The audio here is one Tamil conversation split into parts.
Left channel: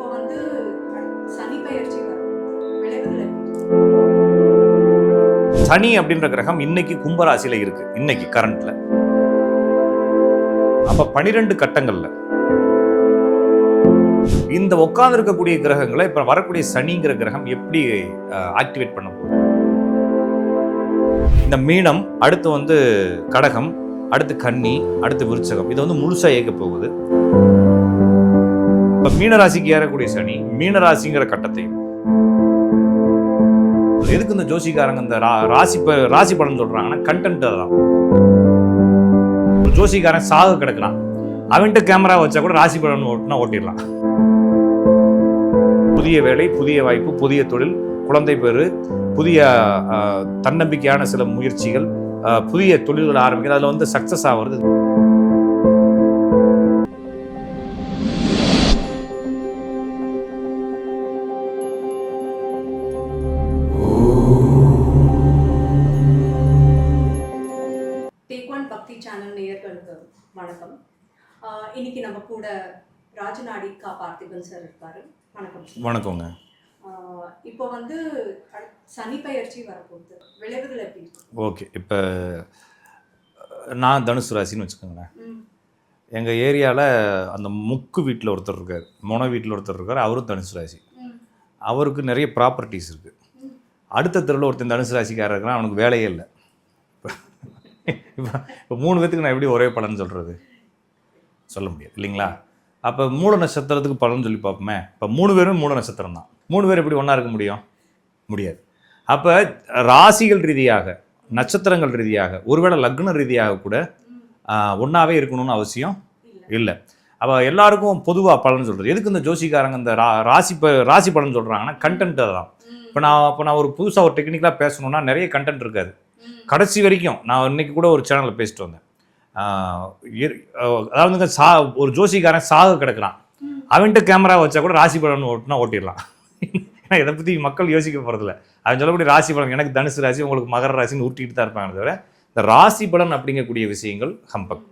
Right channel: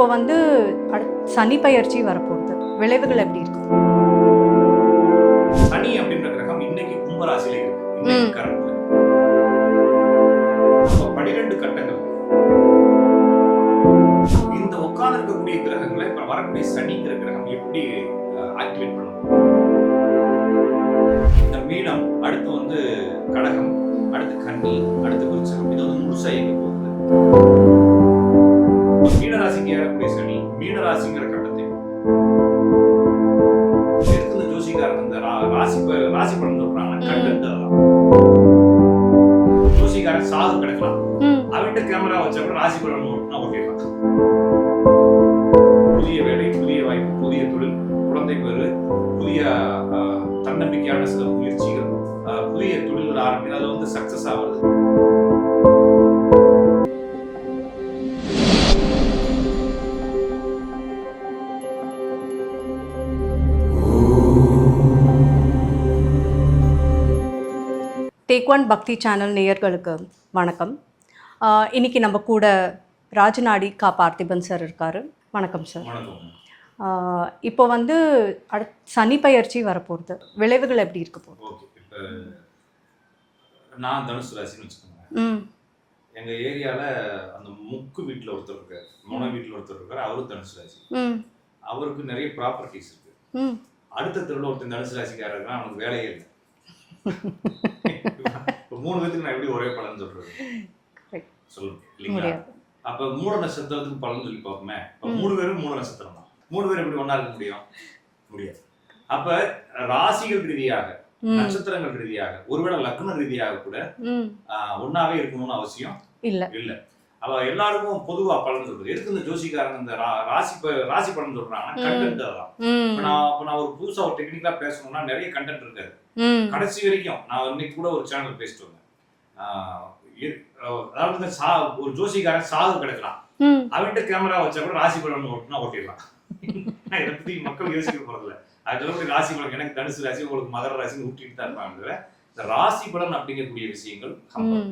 இப்போ வந்து சனி பயிற்சி வரப்போகுது. விளைவுகள் எப்படி இருக்கு? சனி அப்படின்ற கிரகம் இன்னைக்கு கும்பராசியில இருக்கு. இன்னைக்கு கரண்ட்ல. அப்ப 12 கட்டங்கள்ல இந்த உட்கார்ந்து இருக்கக்கூடிய கிரகங்களை இப்ப வரக்கூடிய சனிங்கிற கிரகம் எப்படி ஆக்டிவேட் பண்ண போகுது? இந்த மீனம், அடுத்து வந்து கடகம், அடுத்து கன்னி, அடுத்து விருச்சகம். இது வந்து முழுசா இயக்க போகுது. இப்ப மீனராசிக்கு ஏறக்கூடிய சனி மீனராசிங்கிற கட்டத்தையும், எதுக்கு இந்த ஜோசிக்காரங்க இந்த ராசி பலன் சொல்றாங்கன்னா கண்டென்ட் தான். ஜோசிக்காரன் சாக கிடக்கலாம், அவன்கிட்ட கேமரா வச்சா கூட ராசி பலன் ஓட்டுனா ஓட்டிடலாம். புதிய வேலை, புதிய வாய்ப்பு, புதிய தொழில், குழந்தை பேரு, புதிய தன்னம்பிக்கையான சில முயற்சிகள், புதிய தொழில்கள் ஆரம்பிக்கிறது, அதுல வந்து சக்சஸ் ஆகுறது. டேக் ஒன் பக்தி சேனல் நேயர்களுக்கு வணக்கம். இன்னைக்கு நம்ம கூட ராஜநாடி கா பார்த்திபன் சார் இருக்காரு. வணக்கம் சார். வணக்கங்க. இப்போ வந்து சனி பயிற்சி வரப்போகுது. விளைவுகள் எப்படி இருக்கு? ஓகே, இப்போ நான் தனுசு ராசின்னு வச்சுக்கோங்களேன். எங்கள் ஏரியாவில் அந்த முக்கு வீட்டில் ஒருத்தர் இருக்கார், மொன வீட்டில் ஒருத்தர் இருக்கார். அவரும் தனுசு ராசி. அவருக்கு நிறைய ப்ராப்பர்ட்டிஸ் இருக்குது. அடுத்த தெருவில் ஒருத்தன் தனுசு ராசிக்காரர் இருக்கிறான், அவனுக்கு வேலையே இல்லை. இப்போ 3 பேத்துக்கு நான் எப்படி ஒரே பலன் சொல்கிறது? சொல்ல முடியாது இல்லைங்களா? அப்போ மூல நட்சத்திரத்துக்கு பலன் சொல்லி பார்ப்போமே. இப்போ 3 பேரும் மூல நட்சத்திரம் தான். 3 பேர் எப்படி ஒன்றா இருக்க முடியும்? முடியாது. அப்போ ராசிகள் ரீதியாக, நட்சத்திரங்கள் ரீதியாக, ஒருவேளை லக்ன ரீதியாக கூட ஒன்றாவே இருக்கணும்னு அவசியம் இல்லை. அப்போ எல்லாருக்கும் பொதுவாக பலன் சொல்கிறது. எதுக்கு இந்த ஜோசிக்காரங்க இந்த ராசி பலன் சொல்கிறாங்கன்னா கண்டென்ட் தான். இப்போ நான் ஒரு புதுசாக ஒரு டெக்னிக்கலாக பேசணும்னா நிறைய கண்டென்ட் இருக்காது. கடைசி வரைக்கும் நான் இன்னைக்கு கூட ஒரு சேனலில் பேசிட்டு வந்தேன். அதாவது ஒரு ஜோசிக்காரன் சாக கிடக்குறான், அவன்கிட்ட கேமரா வச்சா கூட ராசி பலன் ஓட்டுனா ஓட்டிடலாம். ஏன்னா இதை பற்றி மக்கள் யோசிக்க போகிறதில்ல. அவன் சொல்லக்கூடிய ராசி பலன், எனக்கு தனுசு ராசி, உங்களுக்கு மகர ராசின்னு ஊட்டிக்கிட்டு தான் இருப்பாங்க. தவிர இந்த ராசி பலன் அப்படிங்கக்கூடிய விஷயங்கள் ஹம்பல்.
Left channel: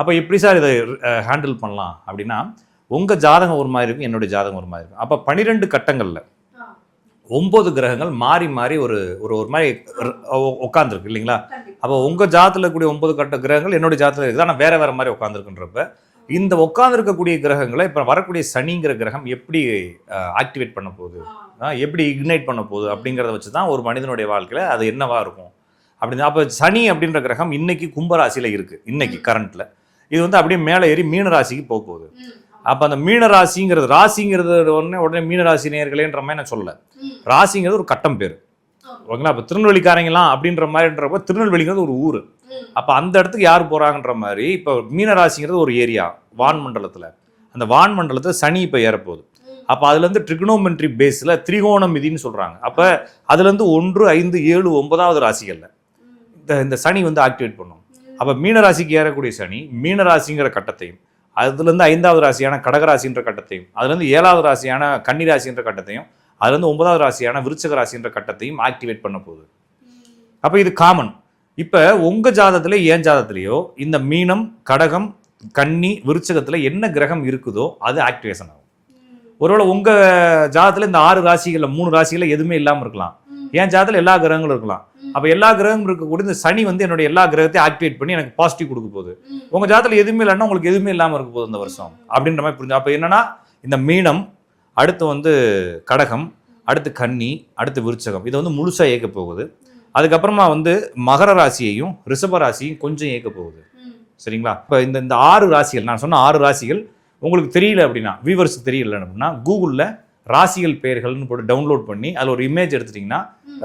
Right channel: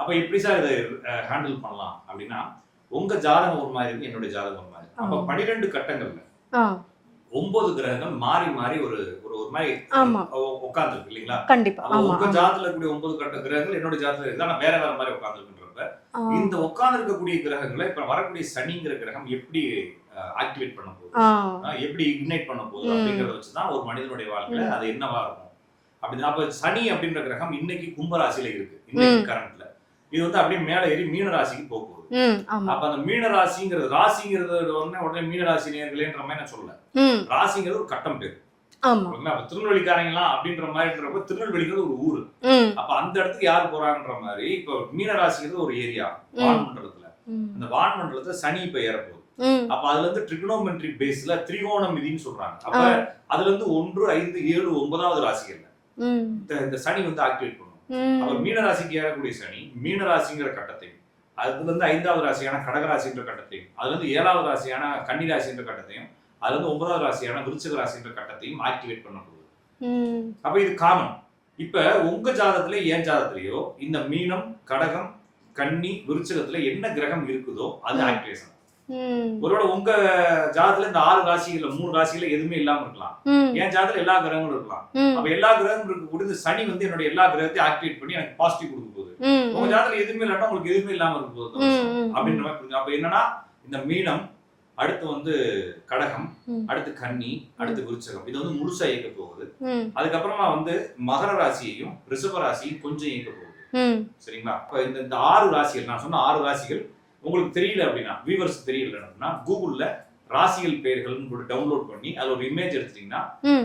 அப்போ எப்படி சார் இதை ஹேண்டில் பண்ணலாம் அப்படின்னா, உங்கள் ஜாதகம் ஒரு மாதிரி இருக்கும், என்னுடைய ஜாதகம் ஒரு மாதிரி இருக்கும். அப்போ 12 கட்டங்களில் 9 கிரகங்கள் மாறி மாறி ஒரு மாதிரி உட்காந்துருக்கு இல்லைங்களா? அப்போ உங்க ஜாதத்துல இருக்கக்கூடிய 9 கட்ட கிரகங்கள் என்னோட ஜாதத்துல இருக்குது, ஆனால் வேற வேற மாதிரி உட்காந்துருக்குன்றப்ப இந்த உட்கார்ந்து இருக்கக்கூடிய கிரகங்களை இப்ப வரக்கூடிய சனிங்கிற கிரகம் எப்படி ஆக்டிவேட் பண்ண போகுது, எப்படி இக்னைட் பண்ண போகுது அப்படிங்கிறத வச்சுதான் ஒரு மனிதனுடைய வாழ்க்கையில அது என்னவா இருக்கும் அப்படின்னு. அப்ப சனி அப்படின்ற கிரகம் இன்னைக்கு கும்பராசியில இருக்கு. இன்னைக்கு கரண்ட்ல இது வந்து அப்படியே மேலே ஏறி மீனராசிக்கு போக போகுது. அப்ப அந்த மீனராசிங்கிறது உடனே மீனராசி நேயர்களேன்ற மாதிரி நான் சொல்லல. ராசிங்கிறது ஒரு கட்டம் பேரு. ஓகேங்களா? அப்ப திருநெல்வேலிக்காரங்களாம் அப்படின்ற மாதிரின்றப்ப திருநெல்வேலிங்கிறது ஒரு ஊரு. அப்ப அந்த இடத்துக்கு யார் போறாங்கன்ற மாதிரி இப்ப மீனராசிங்கிறது ஒரு ஏரியா வான்மண்டலத்துல. அந்த வான்மண்டலத்துல சனி இப்ப ஏறப்போகுது. அப்ப அதுல இருந்து ட்ரிகனோமெட்ரி பேஸ்ல திரிகோணமிதின்னு சொல்றாங்க. அப்ப அதுல இருந்து 1, 5, 7, 9வது ராசிகள்ல இந்த சனி வந்து ஆக்டிவேட் பண்ணும். அப்ப மீனராசிக்கு ஏறக்கூடிய சனி மீனராசிங்கிற கட்டத்தையும், அதுல இருந்து 5வது ராசியான கடகராசின்ற கட்டத்தையும், அதுல இருந்து 7வது ராசியான கன்னி ராசின்ற கட்டத்தையும், அதுல இருந்து 9வது ராசியான விருச்சக ராசின்ற கட்டத்தையும் ஆக்டிவேட் பண்ண போகுது. அப்ப இது காமன். இப்ப உங்க ஜாதகத்துல என் ஜாதகத்திலேயோ இந்த மீனம், கடகம், கன்னி, விருச்சகத்துல என்ன கிரகம் இருக்குதோ அது ஆக்டிவேஷன் ஆகும். ஒருவேளை உங்க ஜாதகத்துல இந்த 6 ராசிகள்ல 3 ராசிகள்ல எதுவுமே இல்லாம இருக்கலாம். என் ஜாதகத்துல எல்லா கிரகங்களும் இருக்கலாம். அப்ப எல்லா கிரகங்களும் இருக்கக்கூடிய இந்த சனி வந்து என்னோட எல்லா கிரகத்தையும் ஆக்டிவேட் பண்ணி எனக்கு பாசிட்டிவ் கொடுக்க போகுது. உங்க ஜாதகத்துல எதுவுமே இல்லைன்னா உங்களுக்கு எதுவுமே இல்லாம இருக்க போகுது இந்த வருஷம் அப்படின்ற மாதிரி புரிஞ்சு. அப்ப என்னன்னா இந்த மீனம், அடுத்து வந்து கடகம், அடுத்து கன்னி, அடுத்து விருச்சகம், இது வந்து முழுசா இயக்க போகுது. அதுக்கப்புறமா வந்து மகர ராசியையும் ரிஷப ராசியும் கொஞ்சம் இயக்க போகுது. சரிங்களா? இப்ப இந்த 6 ராசிகள் நான் சொன்ன 6 ராசிகள் உங்களுக்கு தெரியல அப்படின்னா, வியூவர்ஸ் தெரியல அப்படின்னா கூகுளில் ராசிகள் பெயர்கள்னு போட்டு டவுன்லோட் பண்ணி அதில் ஒரு இமேஜ் எடுத்துட்டீங்கன்னா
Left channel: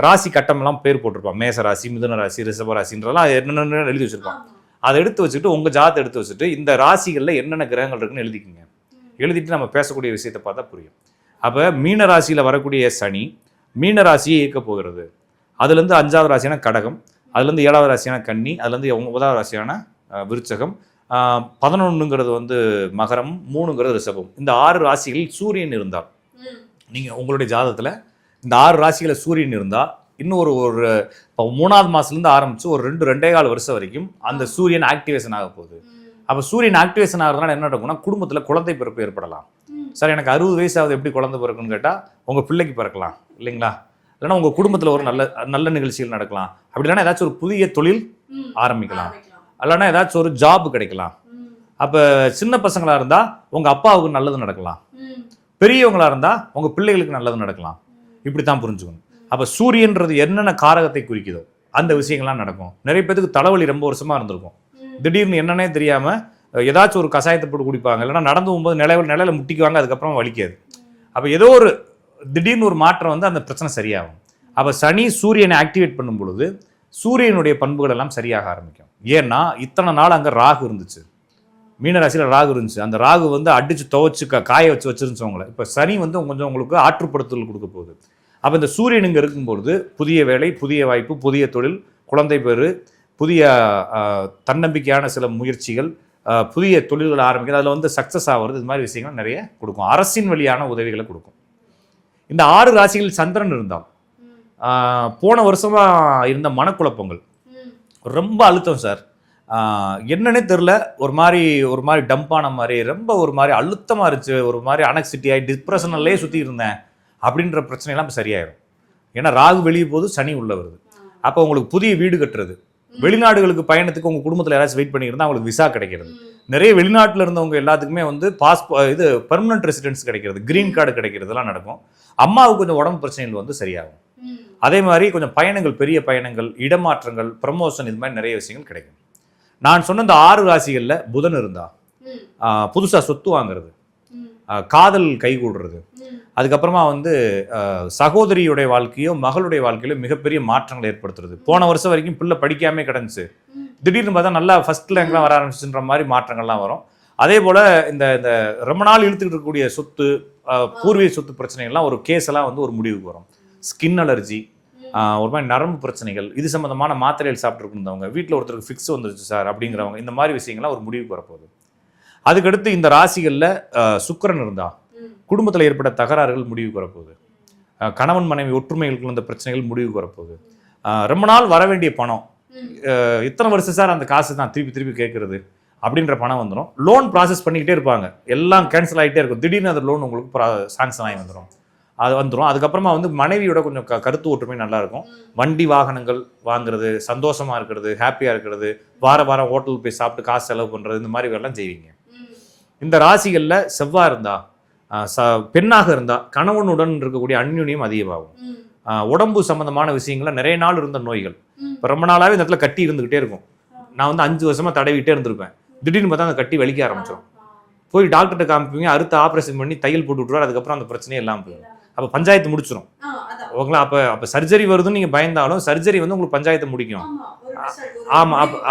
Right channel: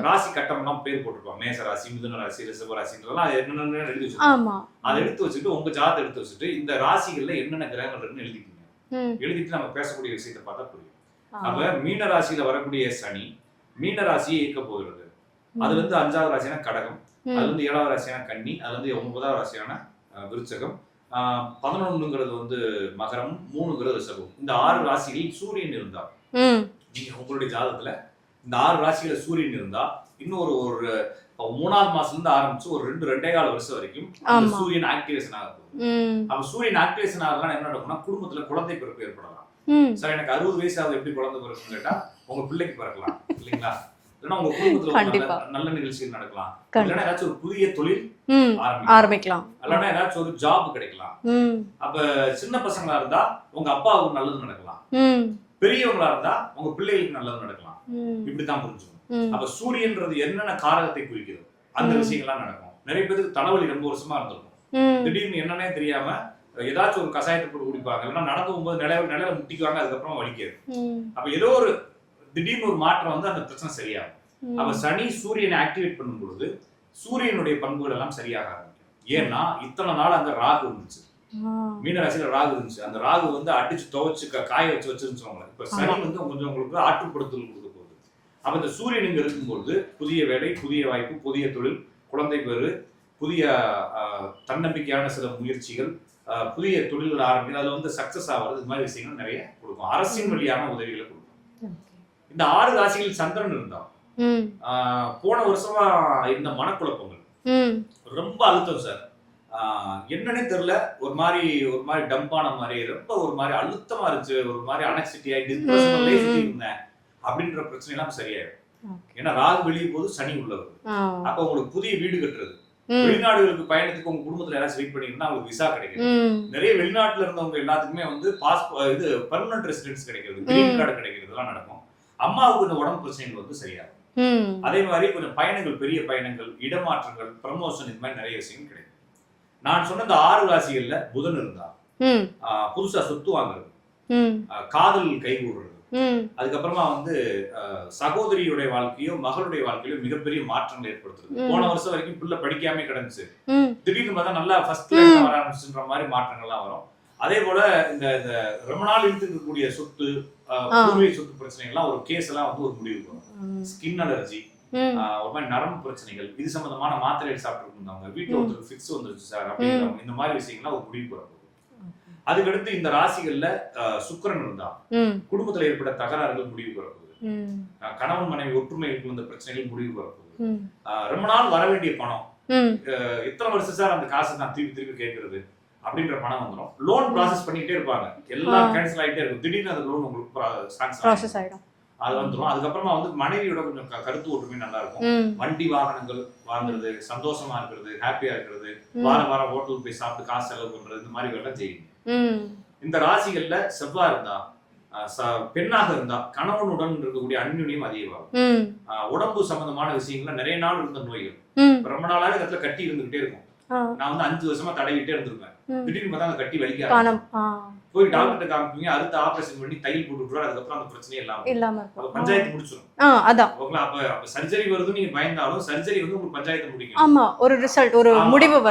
ராசி கட்டம் எல்லாம் பேர் போட்டிருப்பாங்க. மேச ராசி, மிதுன ராசி, ரிஷப ராசின்றதெல்லாம் என்னென்ன எழுதி வச்சிருப்பாங்க. அதை எடுத்து வச்சுட்டு உங்க ஜாதத்தை எடுத்து வச்சுட்டு இந்த ராசிகள்ல என்னென்ன கிரகங்கள் இருக்குன்னு எழுதிக்கிங்க. எழுதிட்டு நம்ம பேசக்கூடிய விஷயத்தை பார்த்தா புரியும். அப்ப மீன ராசியில வரக்கூடிய சனி மீனராசியை இயக்க போகிறது. அதுல இருந்து 5வது ராசியான கடகம், அதுல இருந்து 7வது ராசியான கன்னி, அதுல இருந்து 9வது ராசியான விருச்சகம், 11ங்கிறது வந்து மகரம், 3ங்கிறது ரிஷபம். இந்த 6 ராசிகளில் சூரியன் இருந்தால், நீங்க உங்களுடைய ஜாதகத்துல இந்த 6 ராசிகளை சூரியன் இருந்தா இன்னும் ஒரு ஒரு இப்போ 3வது மாசத்துலேருந்து ஆரம்பிச்சு ஒரு 2.5 வருஷம் வரைக்கும் அந்த சூரியன் ஆக்டிவேஷன் ஆக போகுது. அப்போ சூரியன் ஆக்டிவேஷன் ஆகிறதுனால என்ன நடக்கும்னா குடும்பத்துல குழந்தை பிறப்பு ஏற்படலாம். சார் எனக்கு 60 வயசாவது எப்படி குழந்தை பிறக்கும்னு கேட்டா உங்க பிள்ளைக்கு பிறக்கலாம் இல்லைங்களா, இல்லைன்னா உங்க குடும்பத்துல ஒரு நல்ல நல்ல நிகழ்ச்சிகள் நடக்கலாம், இல்லைன்னா ஏதாச்சும் ஒரு புதிய தொழில் ஆரம்பிக்கலாம், இல்லைன்னா ஏதாச்சும் ஒரு ஜாப் கிடைக்கலாம். அப்ப சின்ன பசங்களா இருந்தா உங்க அப்பாவுக்கு நல்லது நடக்கலாம், பெரியவங்களா இருந்தா உங்க பிள்ளைகளுக்கு நல்லது நடக்கலாம். இப்படித்தான் புரிஞ்சுக்கணும். அப்ப சூரியன்றது என்னென்ன காரகத்தை குறிக்குதோ அந்த விஷயங்கள்லாம் நடக்கும். நிறைய பேருக்கு தலைவலி ரொம்ப வருஷமா இருந்திருக்கும், திடீர்னு என்னன்னே தெரியாம ஏதாச்சும் ஒரு கஷாயத்தை போட்டு குடிப்பாங்க, இல்லைன்னா நடந்து போகும்போது நிலையில முட்டிக்குவாங்க, அதுக்கப்புறம் வலிக்காது. அப்ப ஏதோ ஒரு திடீர்னு ஒரு மாற்றம் வந்து அந்த பிரச்சனை சரியாகும். அப்ப சனி சூரியனை ஆக்டிவேட் பண்ணும் பொழுது சூரியனுடைய பண்புகள் எல்லாம் சரியாக ஆரம்பிக்கும். ஏன்னா இத்தனை நாள் அங்க ராகு இருந்துச்சு, மீனராசியில ராகு இருந்துச்சு. அந்த ராகு வந்து அடிச்சு துவைச்சு காய வச்சிருந்துச்சு அவங்களை. இப்ப சனி வந்து கொஞ்சம் உங்களுக்கு ஆற்றுப்படுத்தல் கொடுக்க போகுது. அப்ப இந்த சூரியன் இங்க இருக்கும்பொழுது புதிய வேலை, புதிய வாய்ப்பு, புதிய தொழில், குழந்தை பேரு, புதிய தன்னம்பிக்கையான சில முயற்சிகள், புதிய தொழில்கள் ஆரம்பிக்கிறது, அதுல வந்து சக்சஸ் ஆகிறது, இது மாதிரி விஷயங்கள் நிறைய கொடுக்கும். அரசின் வழியான உதவிகளை கொடுக்கும். இந்த 6 ராசிகள் சந்திரன் இருந்தால் போன வருஷமா இருந்த மனக்குழப்பங்கள் ரொம்ப அழுத்தம் சார், என்னன்னே தெரியல, ஒரு மாதிரி டம்பான மாதிரி, ரொம்ப ஒரு மாதிரி அழுத்தமா இருந்துச்சு, ஒரு மாதிரி அனக்சிட்டி ஆகி டிப்ரெஷன்லயே சுத்தி இருந்தேன் அப்படின்ற பிரச்சனை எல்லாம் சரியாயிடும். ஏன்னா ராகு வெளியே போது, சனி உள்ள வருது. அப்ப உங்களுக்கு புதிய வீடு கட்டுறது, வெளிநாடுகளுக்கு பயணத்துக்கு உங்க குடும்பத்துல யாராச்சும் வெயிட் பண்ணியிருந்தா அவங்களுக்கு விசா கிடைக்கிறது. நிறைய வெளிநாட்டுல இருந்தவங்க எல்லாத்துக்குமே வந்து இது பெர்மனன்ட் ரெசிடென்ஸ் கிடைக்கிறது, கிரீன் கார்டு கிடைக்கிறது எல்லாம் நடக்கும். அம்மாவுக்கு கொஞ்சம் உடம்பு பிரச்சனைகள் வந்து சரியாகும். அதே மாதிரி கொஞ்சம் பயணங்கள், பெரிய பயணங்கள், இடமாற்றங்கள், ப்ரமோஷன், இது மாதிரி நிறைய விஷயங்கள் கிடைக்கும். நான் சொன்ன இந்த 6 ராசிகள்ல புதன் இருந்தா புதுசா சொத்து வாங்குறது, காதல் கைகூடுறது, அதுக்கப்புறமா வந்து சகோதரியுடைய வாழ்க்கையோ மகளுடைய வாழ்க்கையிலோ மிகப்பெரிய மாற்றங்களை ஏற்படுத்துறது. போன வருஷம் வரைக்கும் பிள்ளை படிக்காம கிடந்துச்சு, திடீர்னு பார்த்தா நல்லா ஃபர்ஸ்ட் ரேங்க்லாம் வர ஆரம்பிச்சுன்ற மாதிரி மாற்றங்கள்லாம் வரும். அதே போல இந்த ரொம்ப நாள் இழுத்துக்கிட்டு இருக்கக்கூடிய சொத்து, பூர்வீக சொத்து பிரச்சனைகள்லாம் ஒரு கேஸ் எல்லாம் வந்து ஒரு முடிவுக்கு வரும். ஸ்கின் அலர்ஜி, ஒரு மாதிரி நரம்பு பிரச்சனைகள், இது சம்பந்தமான மாத்திரைகள் சாப்பிட்டு இருந்தவங்க, வீட்டில் ஒருத்தருக்கு ஃபிக்ஸ் வந்துருச்சு சார் அப்படிங்கிறவங்க, இந்த மாதிரி விஷயங்கள்லாம் ஒரு முடிவுக்கு வரப்போகுது. அதுக்கடுத்து இந்த ராசிகள்ல சுக்கிரன் இருந்தா குடும்பத்துல ஏற்பட்ட தகராறுகள் முடிவுக்கு வரப்போகுது. கணவன் மனைவி ஒற்றுமைகளுக்கு இந்த பிரச்சனைகள் முடிவுக்கு வரப்போகுது. ரொம்ப நாள் வர வேண்டிய பணம், இத்தனை வருஷம் சார் அந்த காசு தான் திருப்பி கேட்கறது அப்படின்ற பணம் வந்துடும். லோன் ப்ராசஸ் பண்ணிக்கிட்டே இருப்பாங்க, எல்லாம் கேன்சல் ஆகிட்டே இருக்கும். திடீர்னு அந்த லோன் உங்களுக்கு சாங்ஷன் ஆகிடும், அது வந்துடும். அதுக்கப்புறமா வந்து மனைவியோட கொஞ்சம் கருத்து ஒற்றுமை நல்லா இருக்கும். வண்டி வாகனங்கள் வாங்குறது, சந்தோஷமா இருக்கிறது, ஹாப்பியா இருக்கிறது, வாரம் ஹோட்டல் போய் சாப்பிட்டு காசு செலவு பண்றது, இந்த மாதிரி எல்லாம் செய்வீங்க. இந்த ராசிகள்ல செவ்வாய் இருந்தா, பெண்ணாக இருந்தா கணவனுடன் இருக்கக்கூடிய அந்யுன்யம் அதிகமாகும். உடம்பு சம்பந்தமான விஷயங்கள்ல நிறைய நாள் இருந்த நோய்கள் ரொம்ப நாளாவே இந்த இடத்துல கட்டி இருந்துகிட்டே இருக்கும். நான் வந்து 5 வருஷமா தடவிட்டே இருந்திருப்பேன், திடீர்னு பார்த்தா அந்த கட்டி வலிக்க ஆரம்பிக்கும். போய் டாக்டர்கிட்ட காமிப்பீங்க, அறுத்து ஆபரேஷன் பண்ணி தையல் போட்டு விட்டுருவாரு, அதுக்கப்புறம் அந்த பிரச்சனையே இல்லாம அப்ப பஞ்சாயத்து முடிச்சிடும். அப்ப சர்ஜரி வருதுன்னு நீங்க பயந்தாலும் சர்ஜரி வந்து உங்களுக்கு பஞ்சாயத்து முடிக்கும்.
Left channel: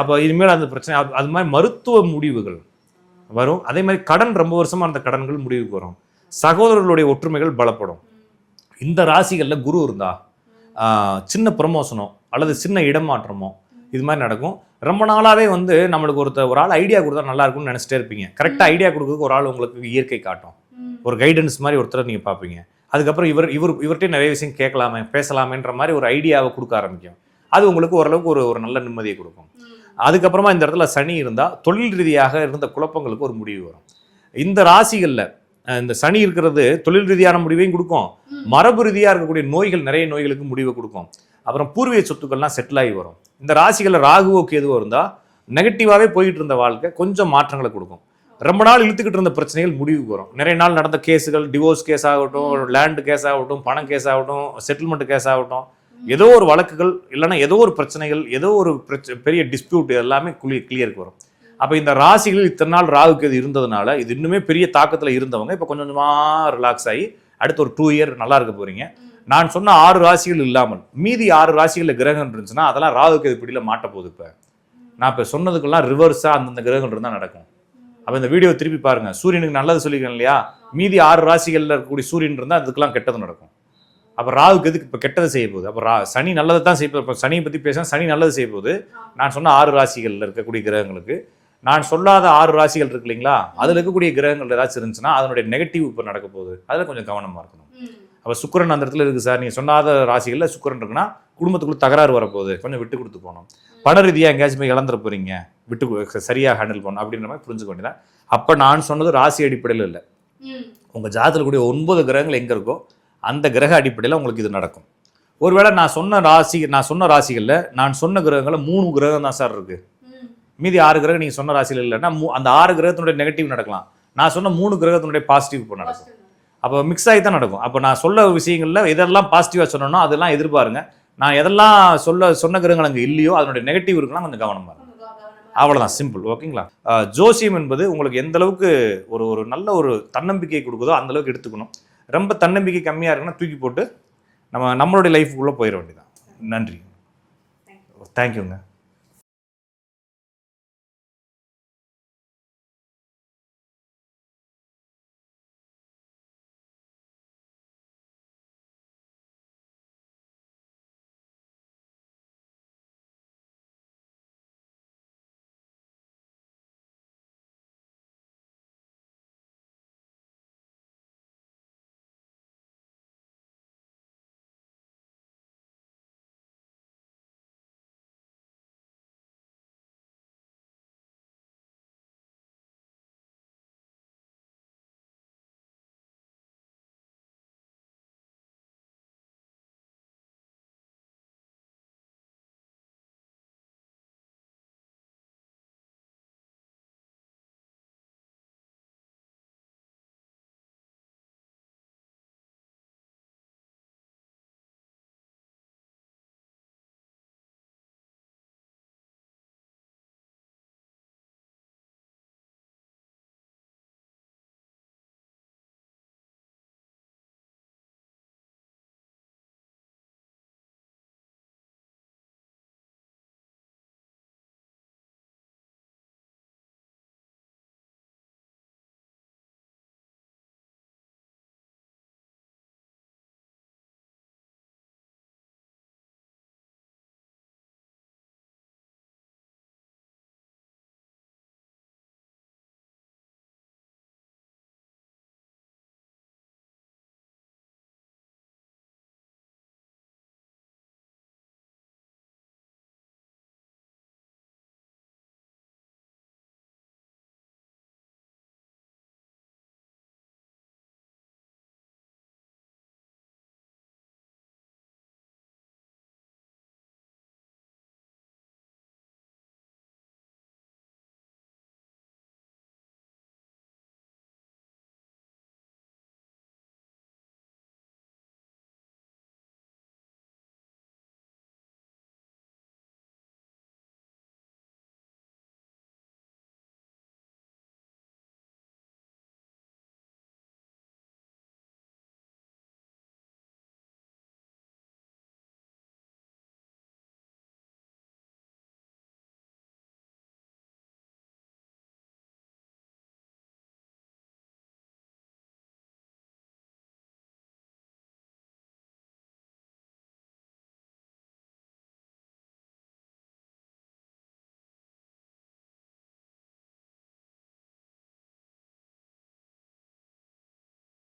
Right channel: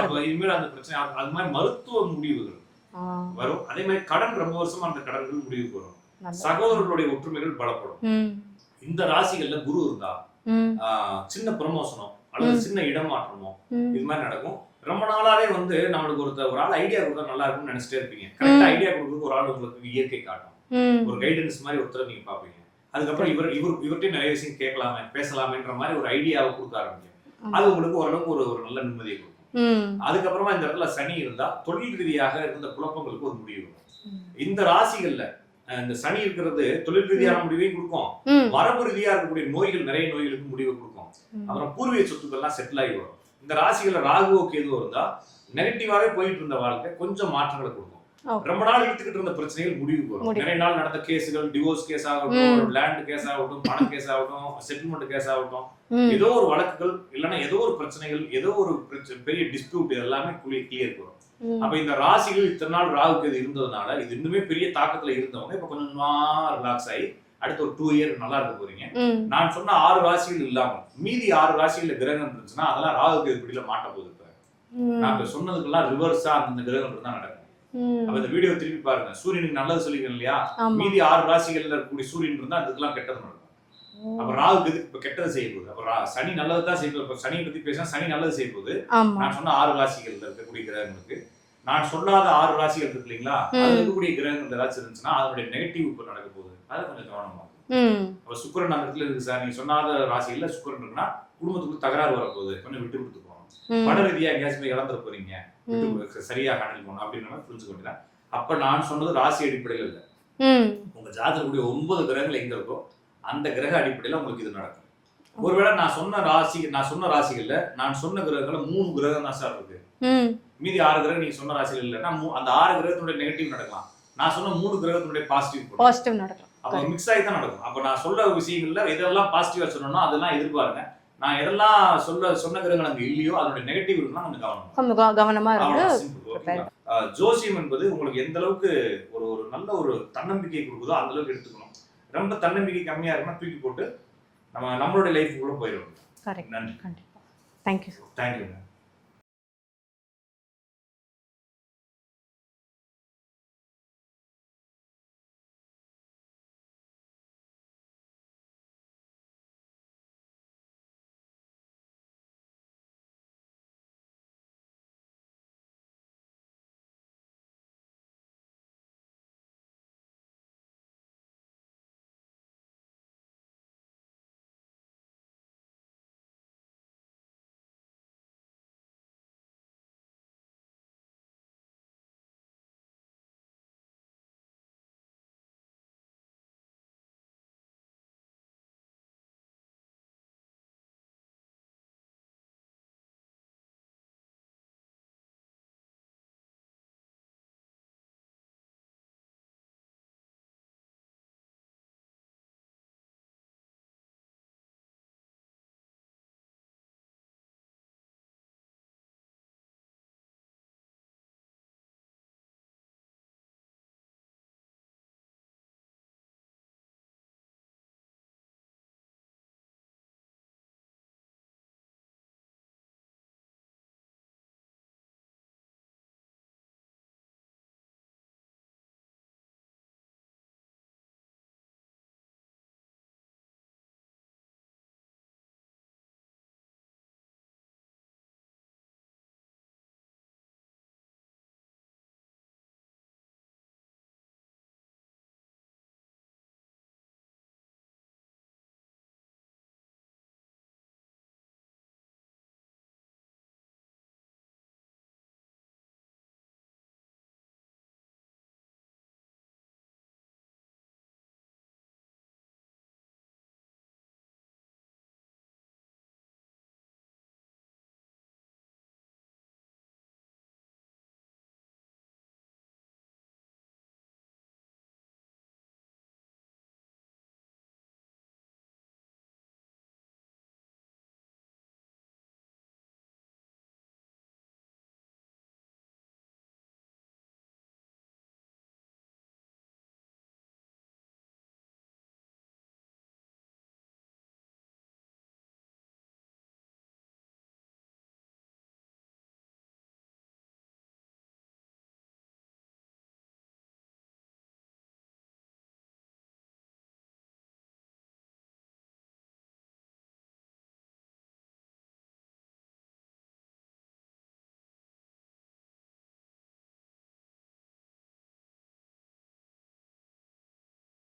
அப்ப இனிமேல் அந்த பிரச்சனை, அது மாதிரி மருத்துவ முடிவுகள் வரும். அதே மாதிரி கடன், ரொம்ப வருஷமா அந்த கடன்கள் முடிவுக்கு வரும். சகோதரர்களுடைய ஒற்றுமைகள் பலப்படும். இந்த ராசிகள்ல குரு இருந்தா சின்ன ப்ரமோஷனோ அல்லது சின்ன இடமாற்றமோ இது மாதிரி நடக்கும். ரொம்ப நாளாவே வந்து நம்மளுக்கு ஒரு ஆள் ஐடியா கொடுத்தா நல்லா இருக்கும்னு நினைச்சிட்டே இருப்பீங்க. கரெக்டா ஐடியா கொடுக்க ஒரு ஆள் உங்களுக்கு இயற்கை காட்டும், ஒரு கைடன்ஸ் மாதிரி ஒருத்தர் நீங்க பாப்பீங்க. அதுக்கப்புறம் இவர்கிட்ட நிறைய விஷயம் கேட்கலாமே, பேசலாமேன்ற மாதிரி ஒரு ஐடியாவை கொடுக்க ஆரம்பிக்கும். அது உங்களுக்கு ஓரளவுக்கு ஒரு நல்ல நிம்மதியை கொடுக்கும். அதுக்கப்புறமா இந்த இடத்துல சனி இருந்தா தொழில் ரீதியாக இருந்த குழப்பங்களுக்கு ஒரு முடிவு வரும். இந்த ராசிகள்ல இந்த சனி இருக்கிறது தொழில் ரீதியான முடிவையும் கொடுக்கும், மரபு ரீதியா இருக்கக்கூடிய நோய்கள், நிறைய நோய்களுக்கு முடிவை கொடுக்கும். அப்புறம் பூர்வீக சொத்துக்கள்லாம் செட்டில் ஆகி வரும். இந்த ராசிகள்ல ராகுவோ கேதுவோ இருந்தா நெகட்டிவாவே போயிட்டு இருந்த வாழ்க்கை கொஞ்சம் மாற்றங்களை கொடுக்கும். ரொம்ப நாள் இழுத்துக்கிட்டு இருந்த பிரச்சனைகள் முடிவுக்கு வரும். நிறைய நாள் நடந்த கேஸுகள், டிவோர்ஸ் கேஸ் ஆகட்டும், லேண்ட் கேஸ் ஆகட்டும், பண கேஸ் ஆகட்டும், செட்டில்மெண்ட் கேஸ் ஆகட்டும், ஏதோ ஒரு வழக்குகள், இல்லைன்னா ஏதோ ஒரு பிரச்சனைகள், ஏதோ ஒரு பெரிய டிஸ்பியூட், எல்லாமே கிளியருக்கு வரும். அப்ப இந்த ராசிகள் இத்தனை நாள் ராகுக்கு இது இருந்ததுனால இது இன்னுமே பெரிய தாக்கத்துல இருந்தவங்க இப்ப கொஞ்சம் கொஞ்சமா ரிலாக்ஸ் ஆகி அடுத்த ஒரு 2 இயர் நல்லா இருக்க போறீங்க. நான் சொன்ன 6 ராசிகள் இல்லாமல் மீதி 6 ராசிகள்ல கிரகங்கள் இருந்துச்சுன்னா அதெல்லாம் ராகுக்கு இது பிடியில மாட்ட போகுது. இப்ப நான் இப்ப சொன்னதுக்கெல்லாம் ரிவர்ஸா அந்தந்த கிரகங்கள் இருந்தா நடக்கும். அப்ப இந்த வீடியோ திருப்பி பாருங்க. சூரியனுக்கு நல்லது சொல்லிருக்கேன் இல்லையா, மீதி 6 ராசிகள்ல இருக்கக்கூடிய சூரியன் இருந்தா அதுக்கெல்லாம் கெட்டது நடக்கும். அப்ப ராகுக்கு எதுக்கு இப்ப கெட்டதை செய்ய போகுது? அப்ப சனி நல்லதை தான் செய்ய போகுது. சனியை பத்தி பேச, சனி நல்லது செய்ய போகுது. நான் சொன்ன 6 ராசிகள்ல இருக்கக்கூடிய கிரகங்களுக்கு நான் சொல்லாத 6 ராசிகள் இருக்கு இல்லைங்களா, அதுல இருக்கக்கூடிய கிரகங்கள் ஏதாச்சும் இருந்துச்சுன்னா அதனுடைய நெகட்டிவ் இப்போ நடக்க போகுது, அதுல கொஞ்சம் கவனமா இருக்கணும். அப்ப சுக்கிரன் அந்த இடத்துல இருக்கு சார், நீங்க சொன்னாத ராசிகள்ல சுக்கிரன் இருக்குன்னா குடும்பத்துக்குள்ள தகராறு வரப்போகுது, கொஞ்சம் விட்டு கொடுத்து போகணும். பண ரீதியா எங்கேயாச்சும் போய் இழந்துட போறீங்க, விட்டு சரியா ஹேண்டில் பண்ணணும் அப்படின்ற மாதிரி புரிஞ்சுக்க வேண்டியதான். அப்ப நான் சொன்னது ராசி அடிப்படையில் இல்லை, உங்க ஜாதகத்துல கூடிய 9 கிரகங்கள் எங்க இருக்கோ அந்த கிரக அடிப்படையில் உங்களுக்கு இது நடக்கும். ஒருவேளை நான் சொன்ன ராசிகள்ல நான் சொன்ன கிரகங்கள்ல 3 கிரகம் தான் சார் இருக்கு, மீதி 6 கிரகம் நீங்க சொன்ன ராசியில் இல்லைன்னா அந்த 6 கிரகத்தினுடைய நெகட்டிவ் நடக்கலாம், நான் சொன்ன 3 கிரகத்தினுடைய பாசிட்டிவ் நடக்கும். அப்போ மிக்ஸ் ஆகி தான் நடக்கும். அப்போ நான் சொல்ல விஷயங்கள்ல எதெல்லாம் பாசிட்டிவா சொன்னோம்னா அதெல்லாம் எதிர்பாருங்க, நான் எதெல்லாம் சொன்ன கிரகங்கள் அங்கே இல்லையோ அதனுடைய நெகட்டிவ் இருக்கலாம், கொஞ்சம் கவனமா. அவ்வளவுதான், சிம்பிள். ஓகேங்களா? ஜோசியம் என்பது உங்களுக்கு எந்த அளவுக்கு ஒரு நல்ல ஒரு தன்னம்பிக்கை கொடுக்குதோ அந்த அளவுக்கு எடுத்துக்கணும். ரொம்ப தன்னம்பிக்கை கம்மியா இருக்குன்னா தூக்கி போட்டு நம்மளுடைய லைஃப்குள்ள போயிட வேண்டியதான். நன்றி. தேங்க்யூ. தேங்க்யூங்க.